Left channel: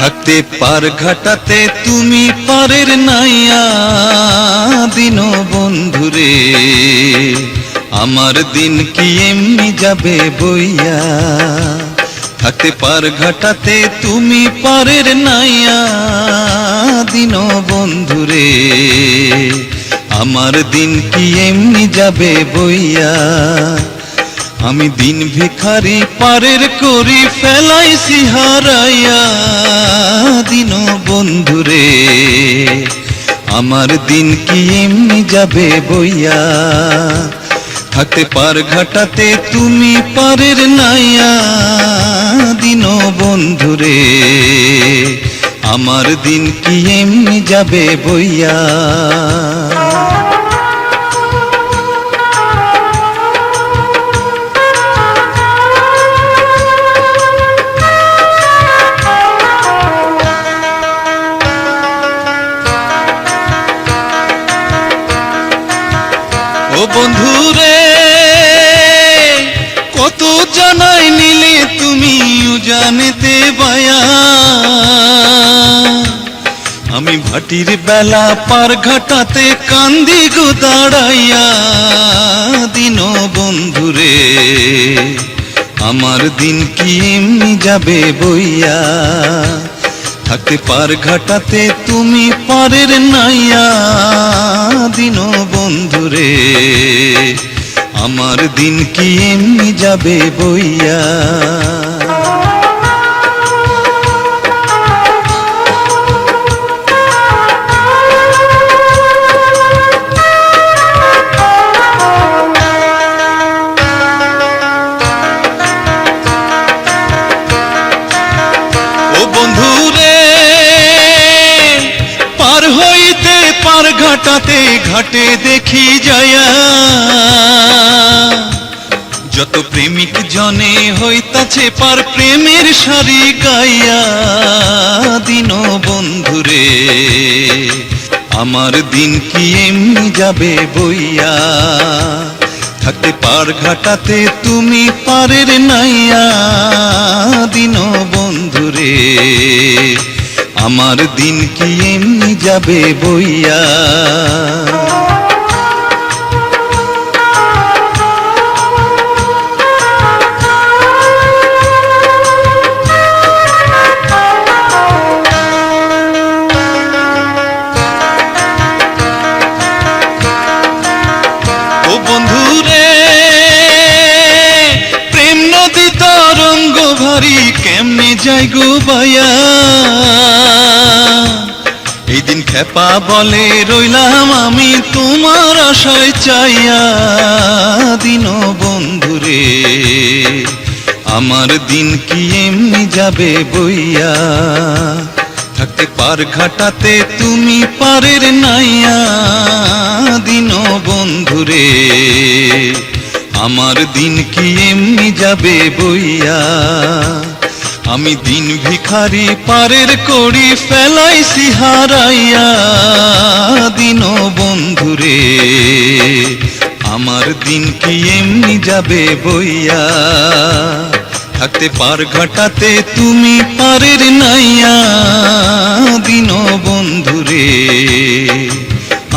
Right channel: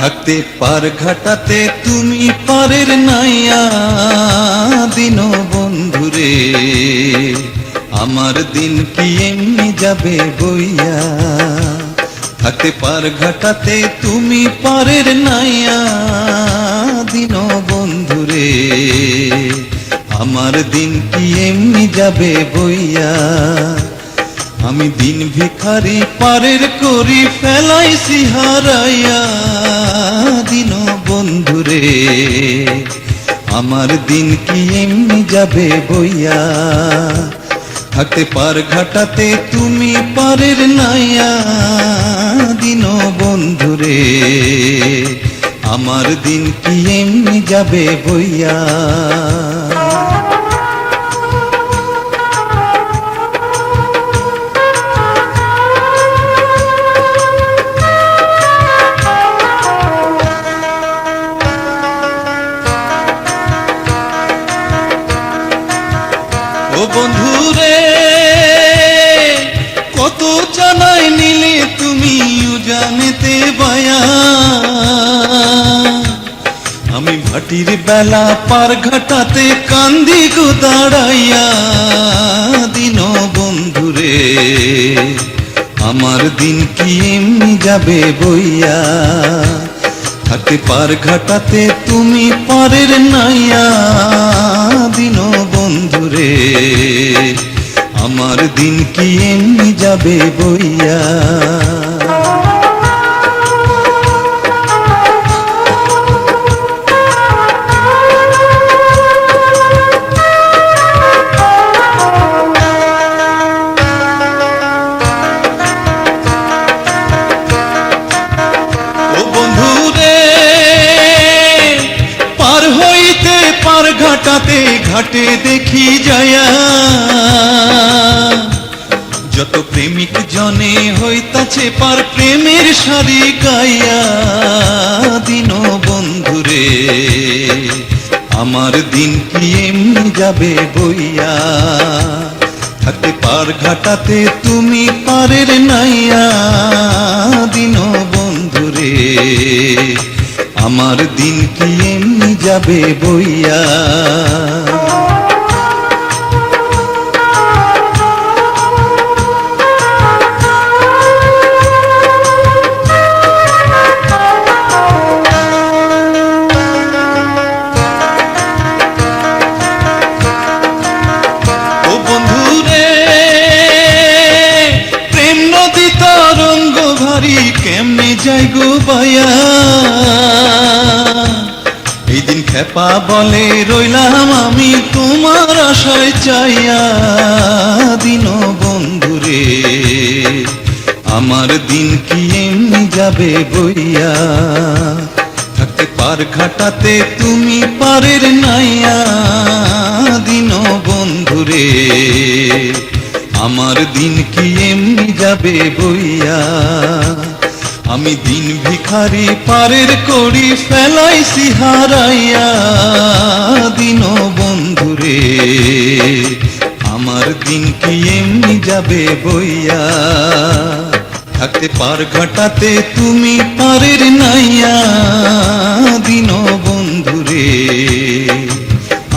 থাকতে পার ঘাটাতে তুমি পারের নাইয়া দিন বন্ধুরে, আমার দিন কি এমনি যাবে বইয়া। থাকতে পার ঘাটাতে তুমি পারের নাইয়া দিন বন্ধুরে, আমার দিন কি এমনি যাবে বইয়া। আমি দিন ভিখারি পারের করি ফেলাইছি হারাইয়া দিন বন্ধুরে, আমার দিন কি এমনি যাবে বইয়া। থাকতে পার ঘাটাতে তুমি পারের নাইয়া দিন বন্ধুরে, আমার দিন কি এমনি যাবে বইয়া। ও বন্ধুরে কত জানাই নিলে তুমি জানেতে বায়া, আমি ভাটির বেলা পার ঘাটাতে কান্দি গো দাঁড়াইয়া দিন বন্ধুরে, আমার দিন কি এমনি যাবে বইয়া। থাকতে পার ঘাটাতে তুমি পারের নাইয়া দিন বন্ধুরে, আমার দিন কি এমনি যাবে বইয়া। ও বন্ধুরে পার হইতে পার ঘাটাতে ঘাটে দেখি যায়া, যত প্রেমিক জনে হইতাছে পার প্রেমের সারি গাইয়া দিন বন্ধুরে, আমার দিন কি এমনি যাবে বইয়া। থাকতে পার ঘাটাতে তুমি পারের নাইয়া দিন বন্ধুরে, আমার দিন কি এমনি যাবে বইয়া। ও বন্ধুরে প্রেম নদী তরঙ্গ ভারী কেমনে যাই গো বায়া, এই দিন খেপা বলে রইলাম আমি তোমার আশায় চাইয়া দিন বন্ধুরে, আমার দিন কি এমনি যাবে বইয়া। থাকতে পার ঘাটাতে তুমি পারের নাইয়া দিন বন্ধুরে, আমার দিন কি এমনি যাবে বইয়া। আমি দিন ভিখারি পারের করি ফেলাইছি হারাইয়া দিন বন্ধুরে, আমার দিন কি এমনি যাবে বইয়া। থাকতে পার ঘাটাতে তুমি পারের নাইয়া দিন বন্ধুরে,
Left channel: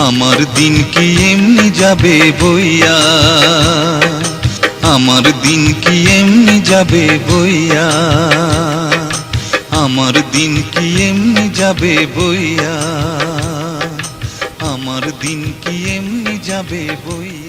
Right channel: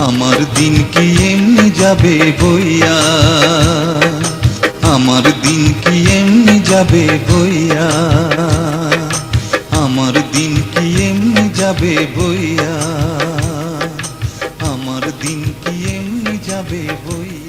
আমার দিন কি এমনি যাবে বইয়া। আমার দিন কি এমনি যাবে বইয়া, আমার দিন কি এমনি যাবে বইয়া, আমার দিন কি এমনি যাবে বইয়া।